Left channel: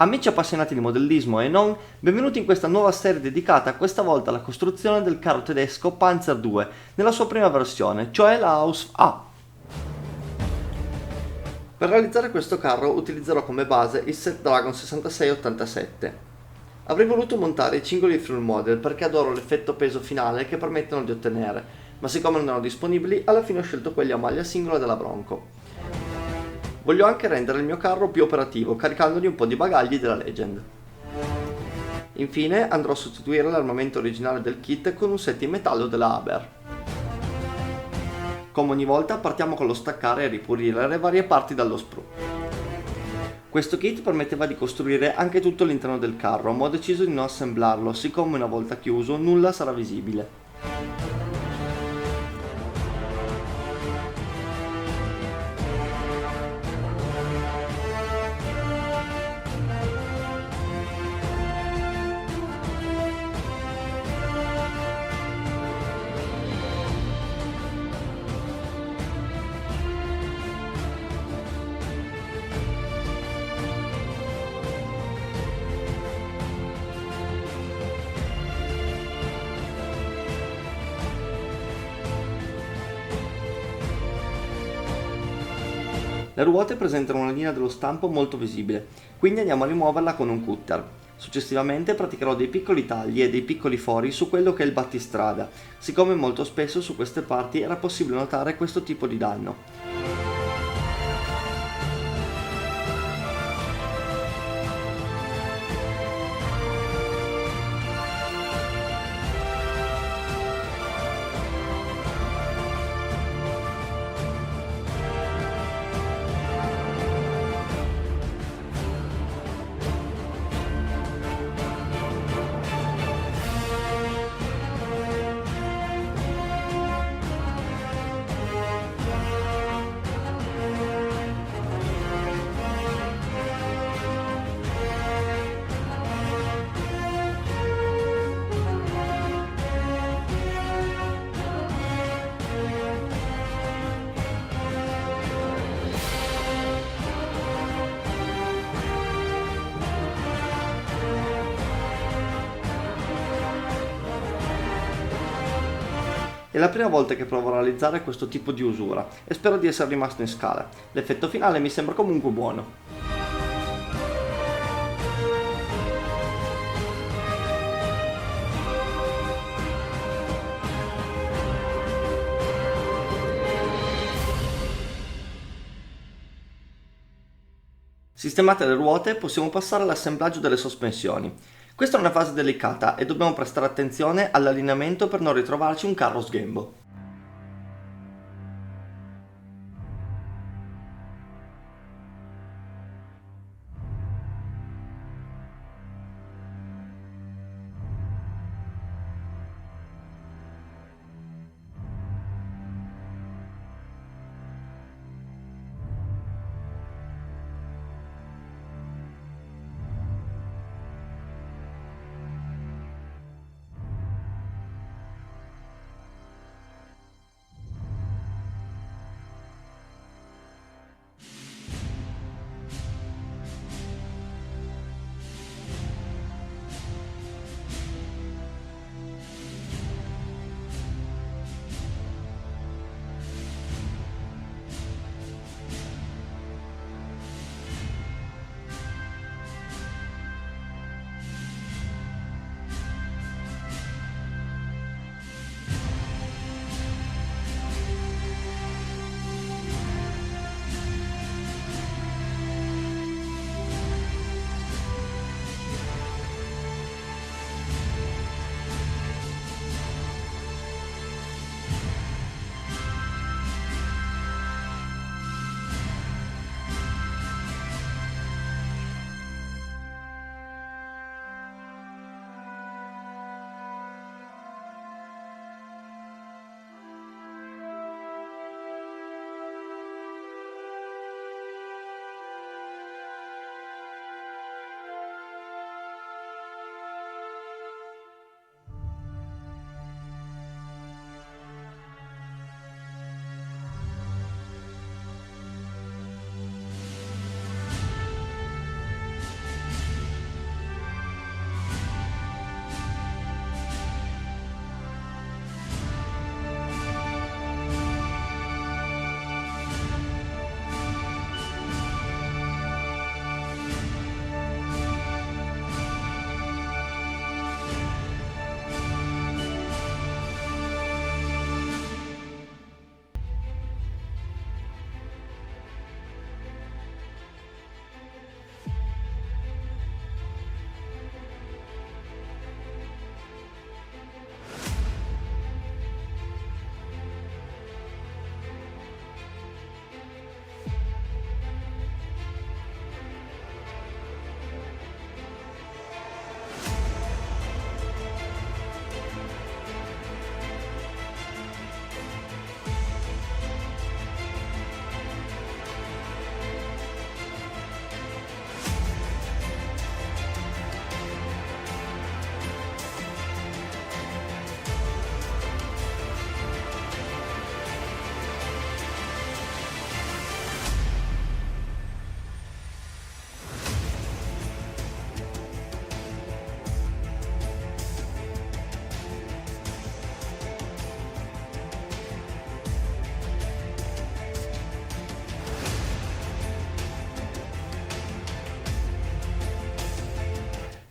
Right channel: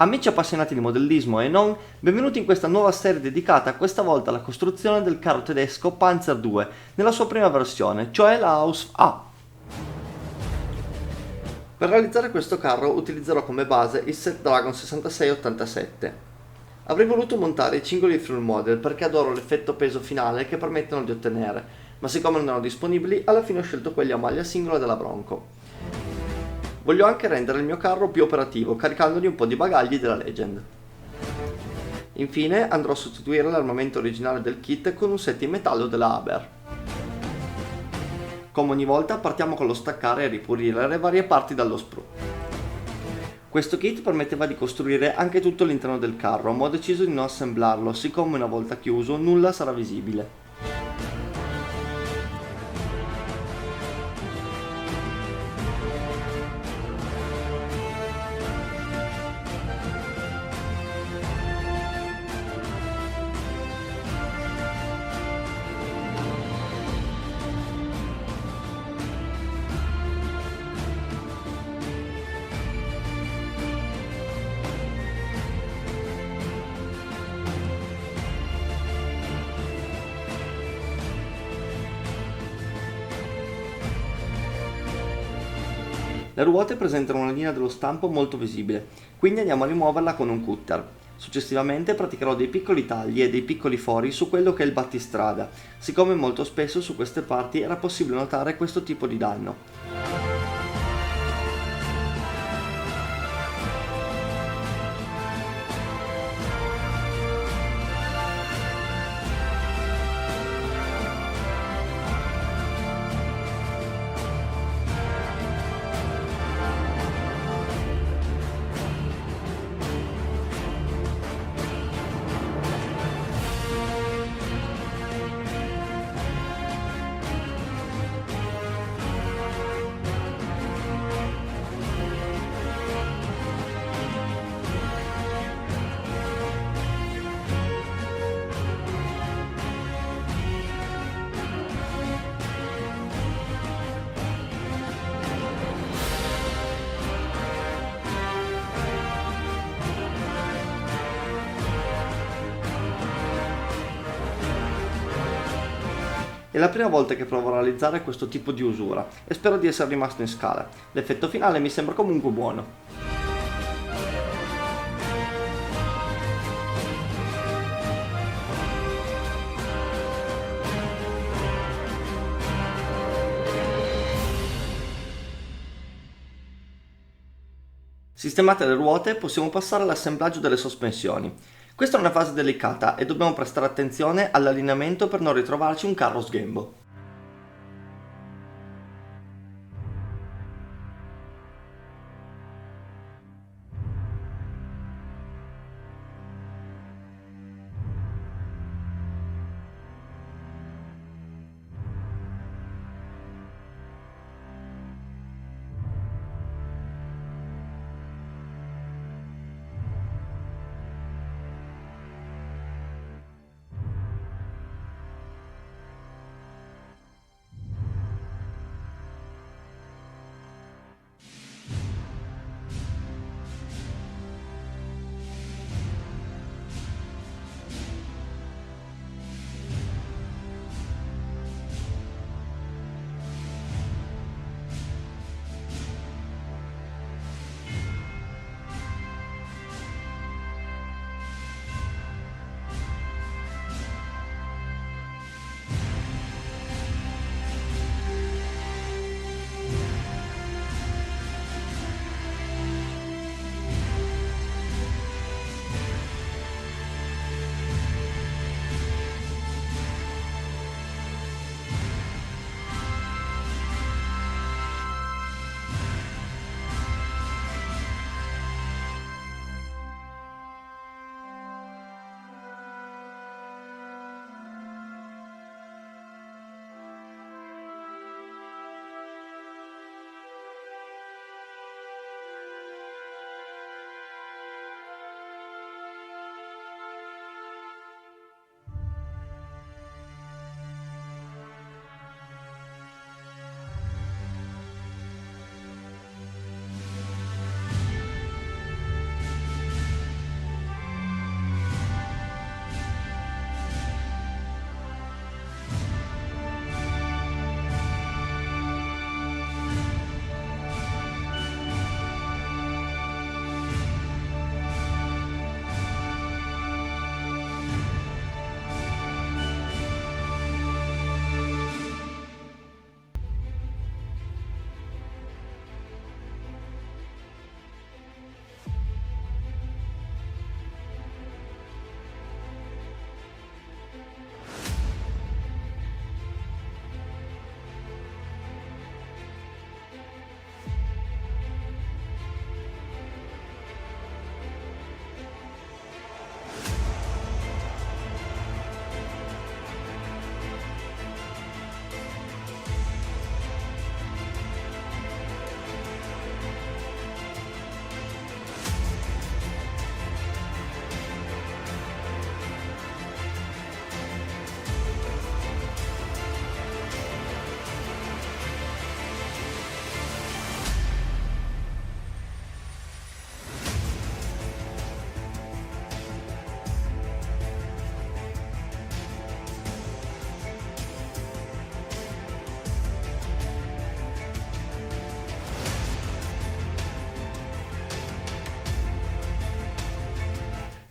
Amici appassionati di modellismo e non, benvenuti in questa nuova serie dedicata questa volta alla costruzione del carro tedesco Panzer II nella sua prima versione, cioè la Aus A. Per realizzare questo carro utilizzerò come base il set Dragon 6687. Avrei voluto montare i cingoli full model perché adoro l'effetto peso finale che permettono di ottenere, ma siccome non erano disponibili, alla fine ho scelto quelli a maglia singola della Bronco. Voglio anche rendere il mio carro più operativo, caricandogli un po' di bagagli della Legend. Infine andrò a sostituire l'armamento originale del kit con un set in metallo della Haber. Come ogni volta partiamo con lo staccare e ripulire le varie parti dallo sprue. Questo kit permetteva di costruire anche tutto l'interno del carro, ma ho deciso di non assemblarlo, siccome una volta chiuso nulla sarà visibile. Le ruote presentano una linea dello stampo molto visibile, quindi andiamo a rimuoverla con un cutter. Successivamente praticherò dei piccoli tagli e dei piccoli fori su quello che è il battistrada, siccome molto spesso su queste parti era possibile notare questo tipo di danno. È la prima volta che provo a realizzare questo tipo di usura e spero di essere rimasto in scala. L'effetto finale mi sembra comunque buono. Sistemate le ruote, possiamo passare all'assemblaggio delle sospensioni. Questa è una fase delicata e dobbiamo prestare attenzione all'allineamento per non ritrovarci un carro sghembo.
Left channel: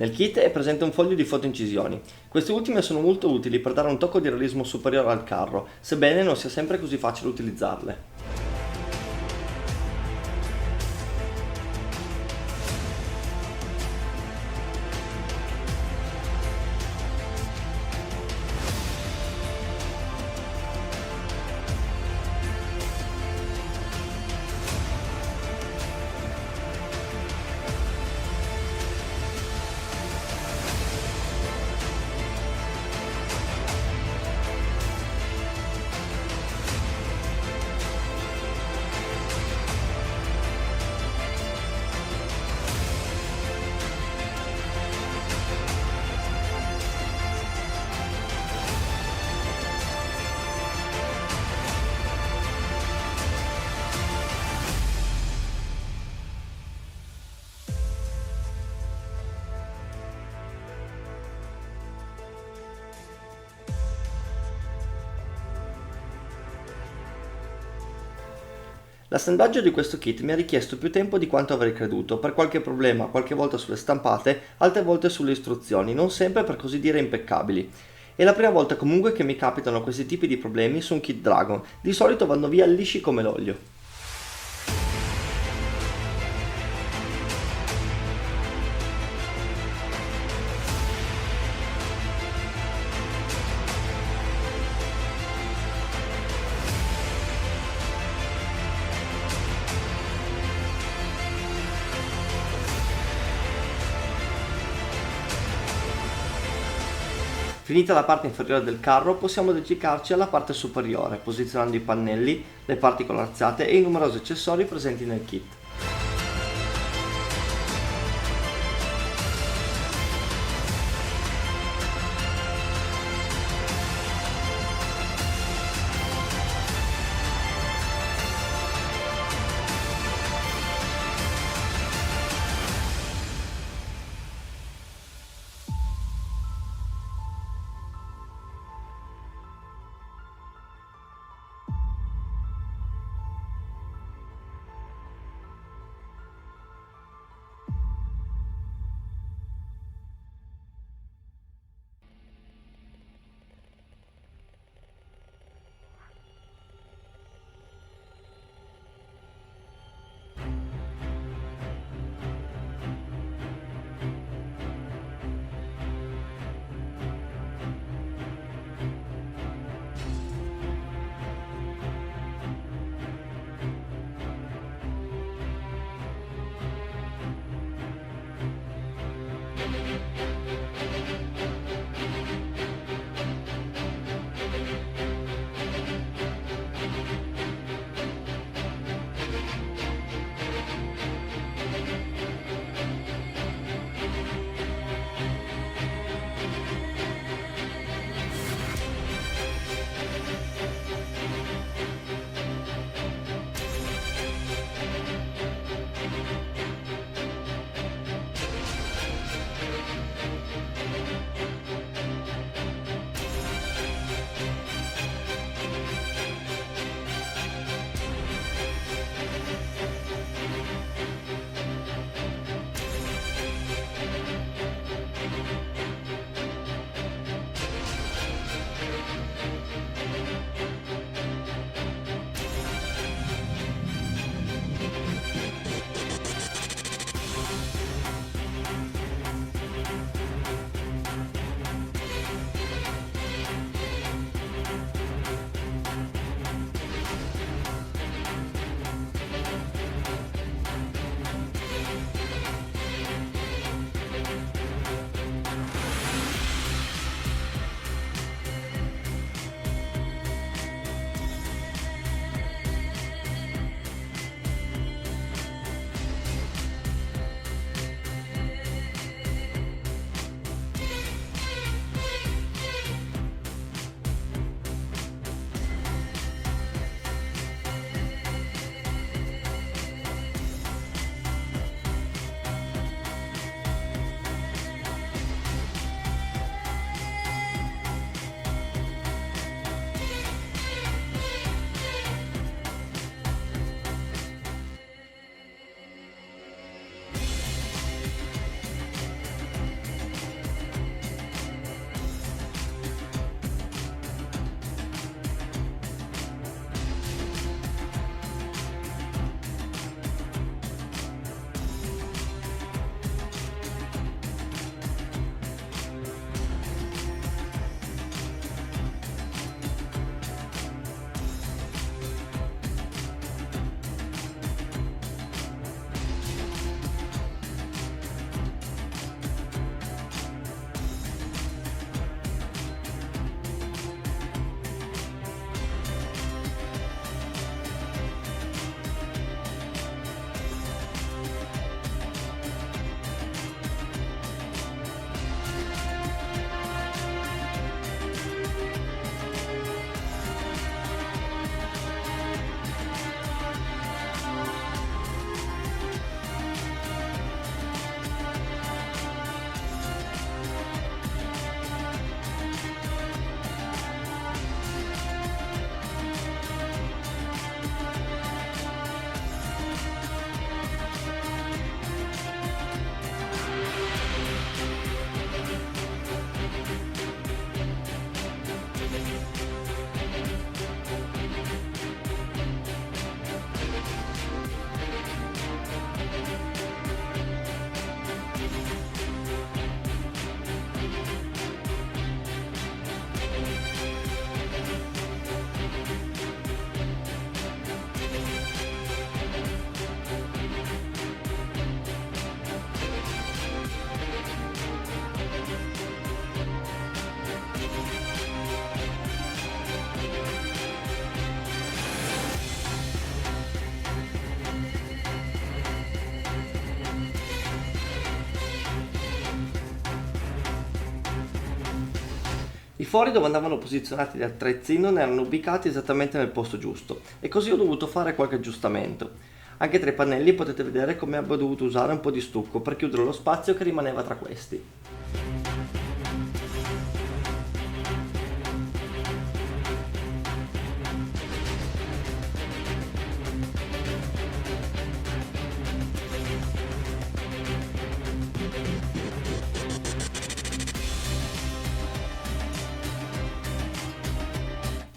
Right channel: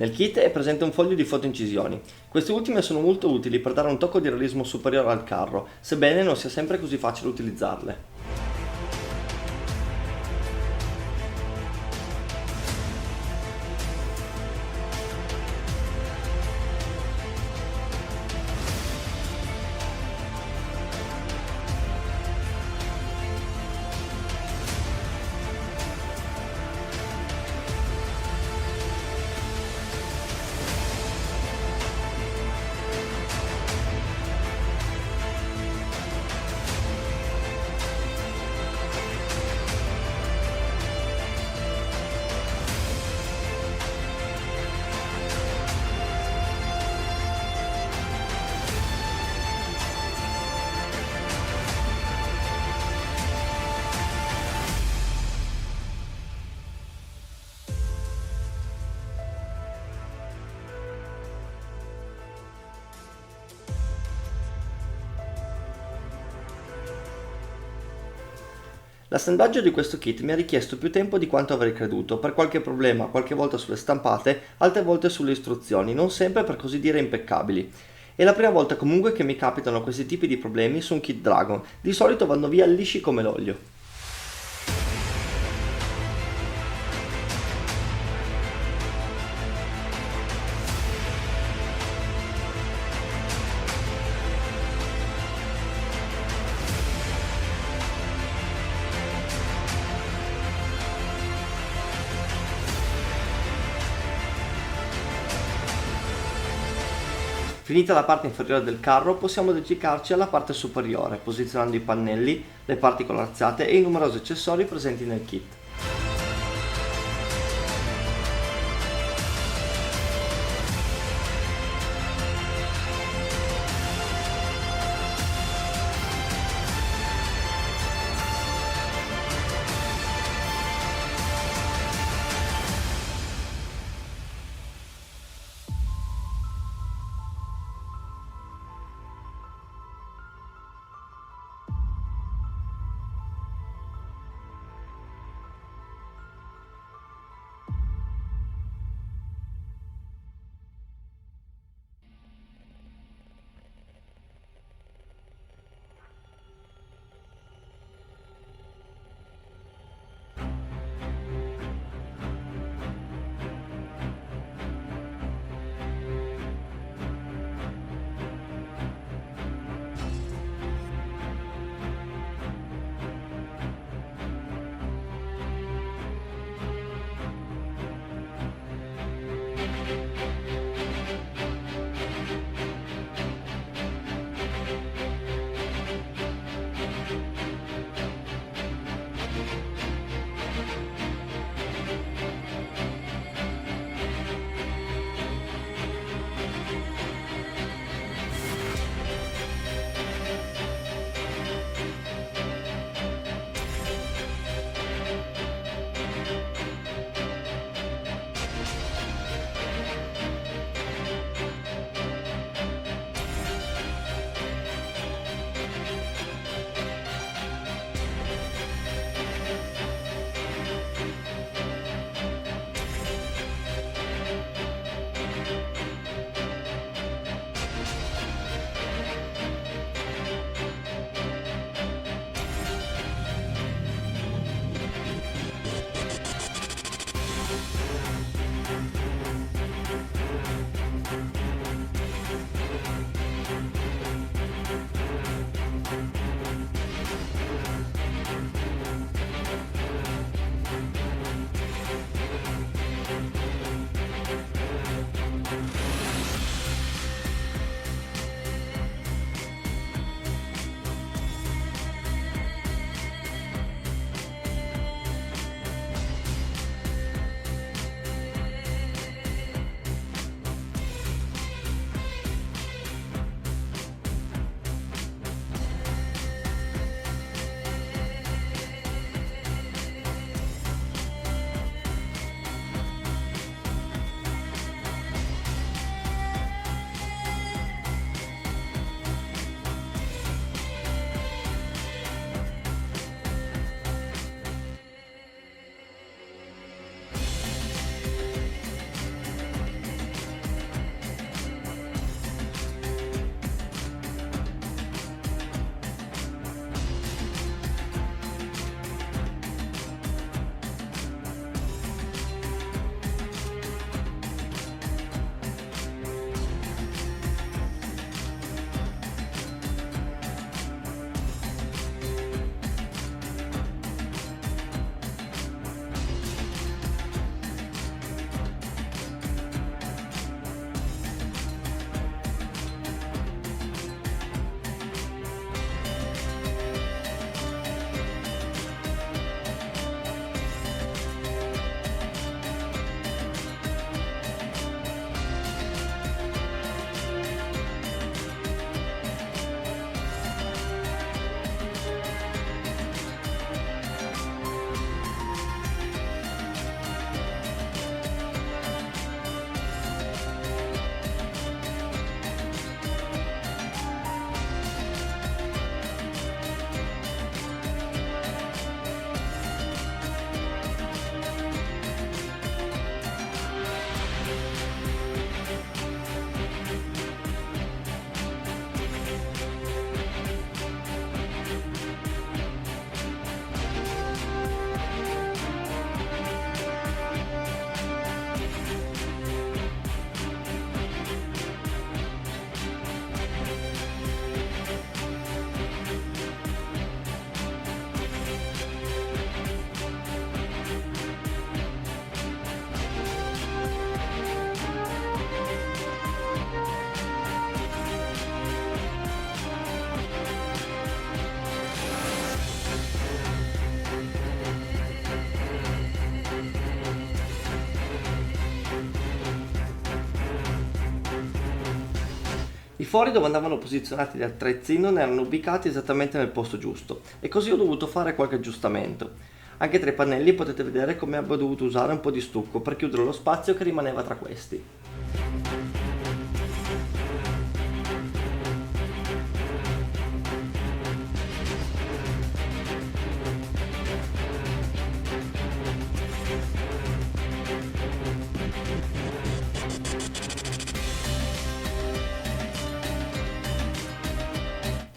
Nel kit è presente un foglio di fotoincisioni. Queste ultime sono molto utili per dare un tocco di realismo superiore al carro, sebbene non sia sempre così facile utilizzarle. L'assemblaggio di questo kit mi ha richiesto più tempo di quanto avrei creduto, per qualche problema, qualche volta sulle stampate, altre volte sulle istruzioni, non sempre per così dire impeccabili. È la prima volta comunque che mi capitano questi tipi di problemi su un kit Dragon, di solito vanno via lisci come l'olio. Finita la parte inferiore del carro, possiamo dedicarci alla parte superiore, posizionando i pannelli, le parti corazzate e i numerosi accessori presenti nel kit. I fori dove andavano posizionati gli attrezzi non erano ubicati esattamente nel posto giusto e così ho dovuto fare qualche aggiustamento. Anche tra i pannelli potete vedere come abbia dovuto usare un po' di stucco per chiudere lo spazio che rimaneva tra questi.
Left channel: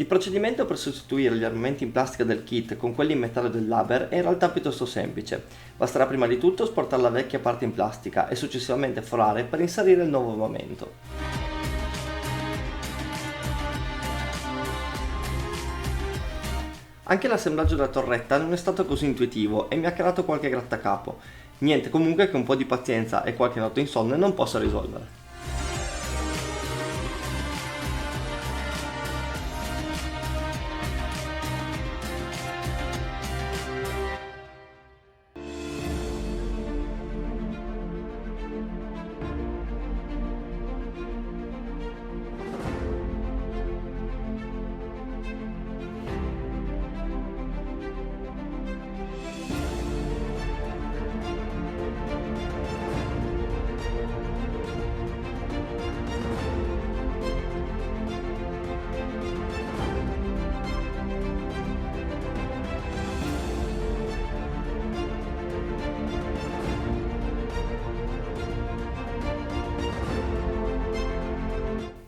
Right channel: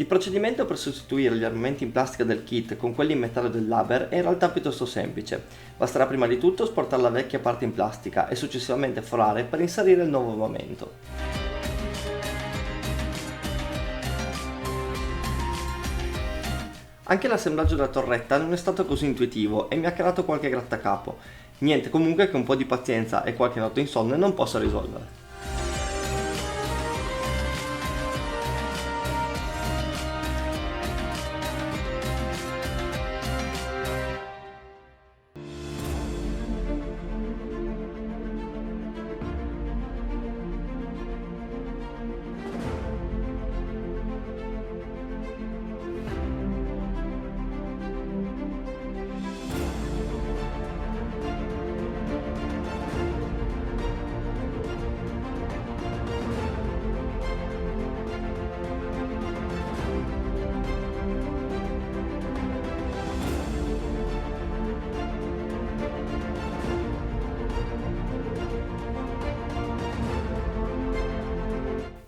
Il procedimento per sostituire gli armamenti in plastica del kit con quelli in metallo del Laber è in realtà piuttosto semplice. Basterà prima di tutto sportare la vecchia parte in plastica e successivamente forare per inserire il nuovo armamento. Anche l'assemblaggio della torretta non è stato così intuitivo e mi ha creato qualche grattacapo. Niente comunque che un po' di pazienza e qualche notte insonne non possa risolvere.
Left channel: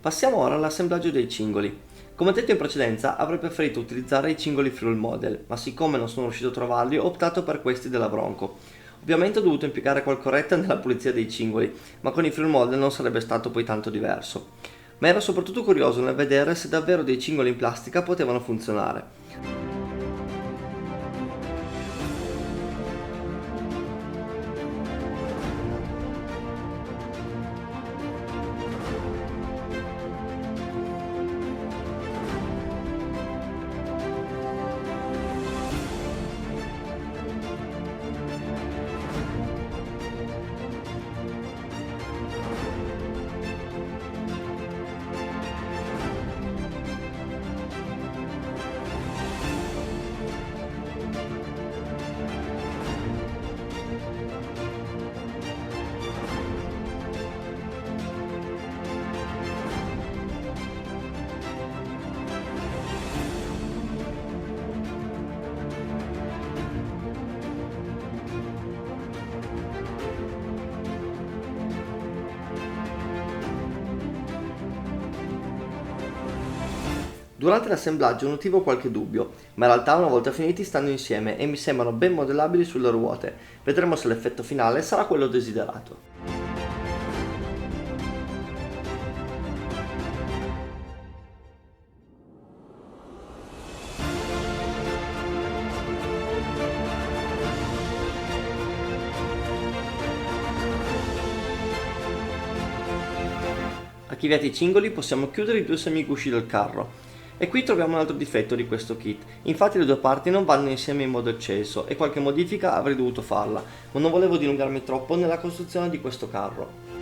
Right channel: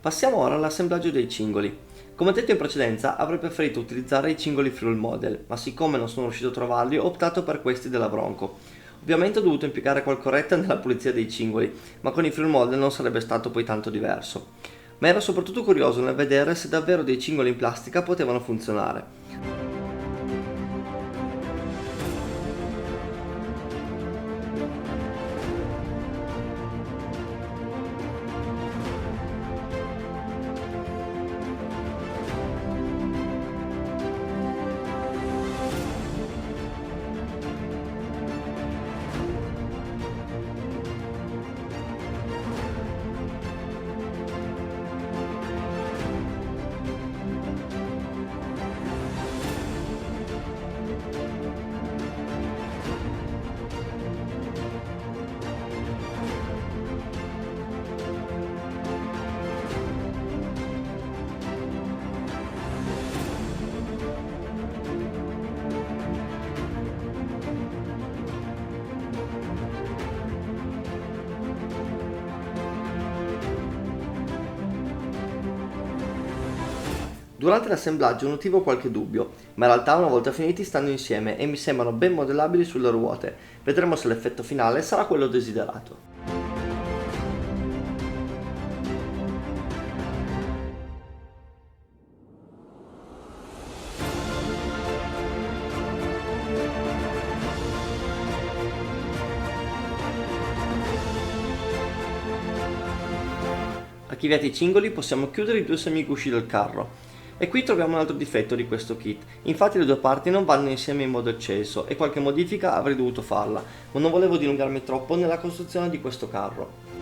Passiamo ora all'assemblaggio dei cingoli. Come detto in precedenza avrei preferito utilizzare i cingoli Fuel Model, ma siccome non sono riuscito a trovarli ho optato per questi della Bronco. Ovviamente ho dovuto impiegare qualche nella pulizia dei cingoli, ma con i Fuel Model non sarebbe stato poi tanto diverso. Ma ero soprattutto curioso nel vedere se davvero dei cingoli in plastica potevano funzionare. Durante l'assemblaggio notivo qualche dubbio, ma in realtà una volta finiti stanno insieme e mi sembrano ben modellabili sulle ruote. Vedremo se l'effetto finale sarà quello desiderato. Archiviati i cingoli possiamo chiudere i due semigusci del carro. E qui troviamo un altro difetto di questo kit, infatti le due parti non vanno insieme in modo eccesso e qualche modifica avrei dovuto farla, ma non volevo dilungarmi troppo nella costruzione di questo carro.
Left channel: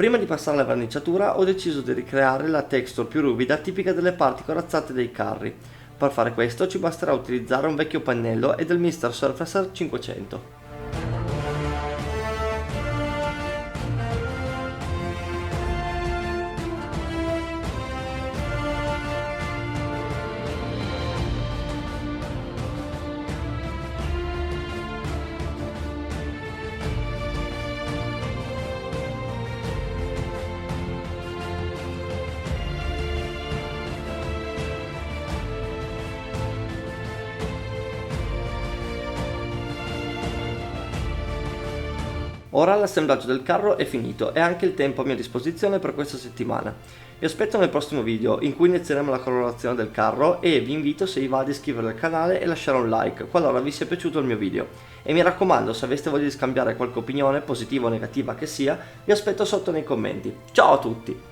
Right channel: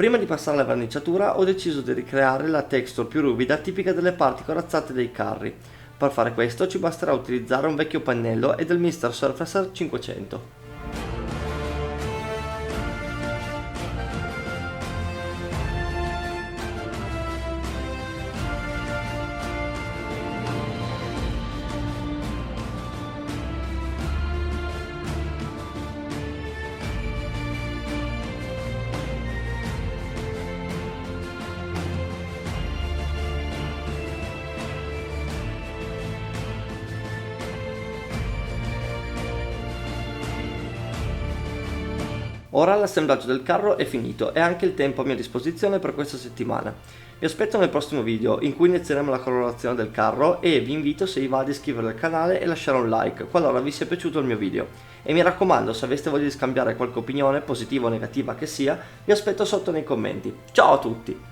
Prima di passare alla verniciatura ho deciso di ricreare la texture più ruvida tipica delle parti corazzate dei carri. Per fare questo ci basterà utilizzare un vecchio pannello e del Mr. Surfacer 500. Ora l'assemblaggio del carro è finito e anche il tempo a mia disposizione per questa settimana. Vi aspetto nel prossimo video in cui inizieremo la colorazione del carro e vi invito, se vi va, ad iscrivervi al canale e lasciare un like qualora vi sia piaciuto il mio video. E mi raccomando, se aveste voglia di scambiare qualche opinione, positiva o negativa che sia, vi aspetto sotto nei commenti. Ciao a tutti!